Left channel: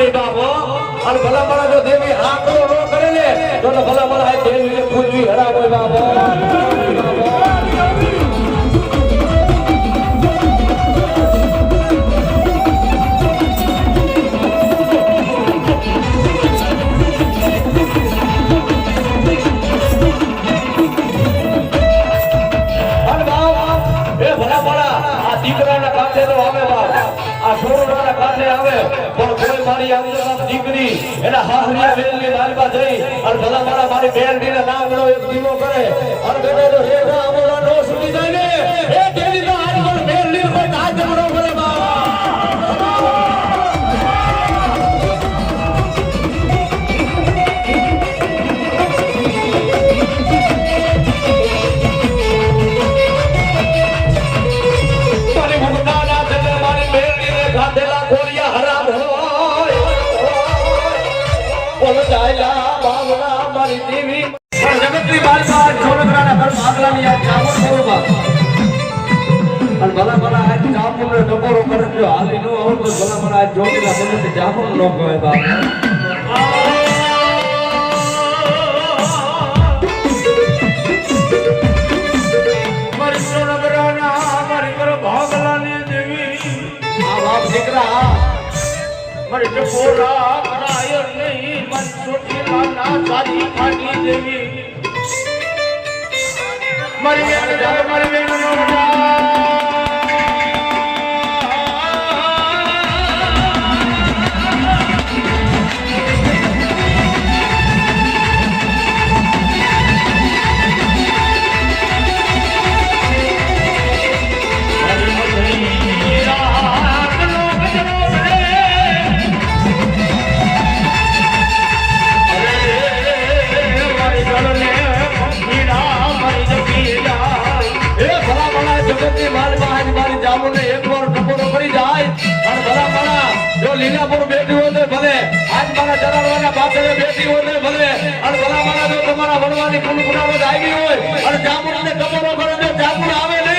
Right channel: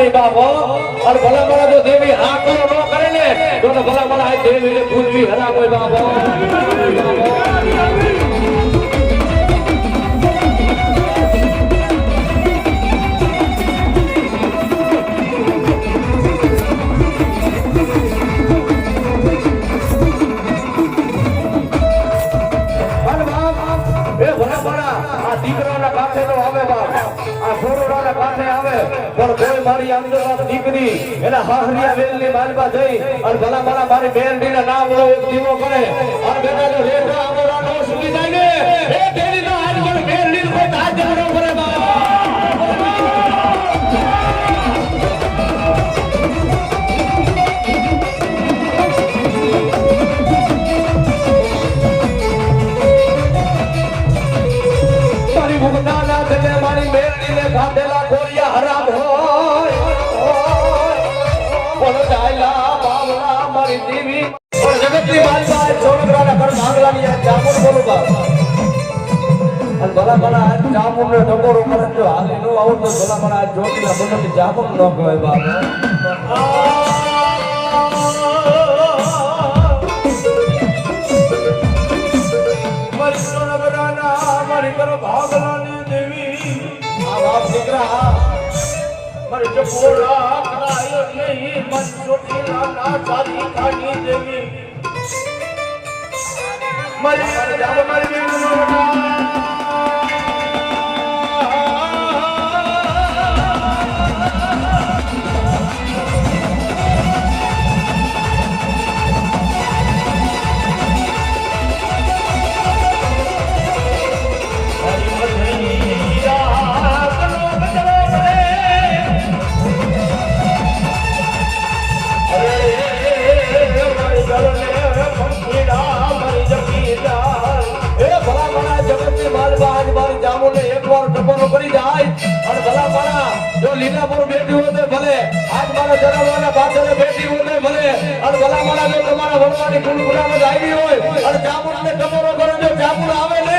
નહીં બાપો અને ભલા મારા જો દેવી હા કરો ન કરે ને તો ભલા મારા આ દેવી પૂજવી હરામ હોય બાપો દીકરાના કાંઠે તો આવે બાપ આ છોરોના કાંઠે આવે પણ કોઈ મારી અંદર દીકરી એના હાહરિયા બેનની માલમાં જઈ અને ભલા ભલા મારી બેનડીના નામનો એક દીવો કરે અને બેટા જો લેખા અમારા નો સુની જાય ને એ કેરીના આજમલ બેનડી કોઈ હાથ જમણો કરે બાપ દેવી और जगतની બાલમાં છોડગરાના ઘર ભાગલાની આ ચામુર બોલો બાપ અને ભલા ભલા આ ચામુરને ટકોરો કરે જો હાલી નો આવું તો ભલા ભલા આ જોગીલા બોલતી ચામુર નો કહેવાય બાપ મારી છોડગરાના મારી ઘર ભાગલાની દેવી આ બાપ દીકરા મારી ટકોરા કરાય નહીં મન છોટીલા ના સારી ખાની દેવી મારી યાર મારી બેનો લીલાપુર બેઠી હોય તો ભલે આજ મારા જરાવાના બાદરે બેઠી હોય તો ભલે અને ભલા મારા જો તમારા વણવાની કુલકુલામાં આવી હોય અને જામુનને ટકોરો કરે જો જામુન આવે ને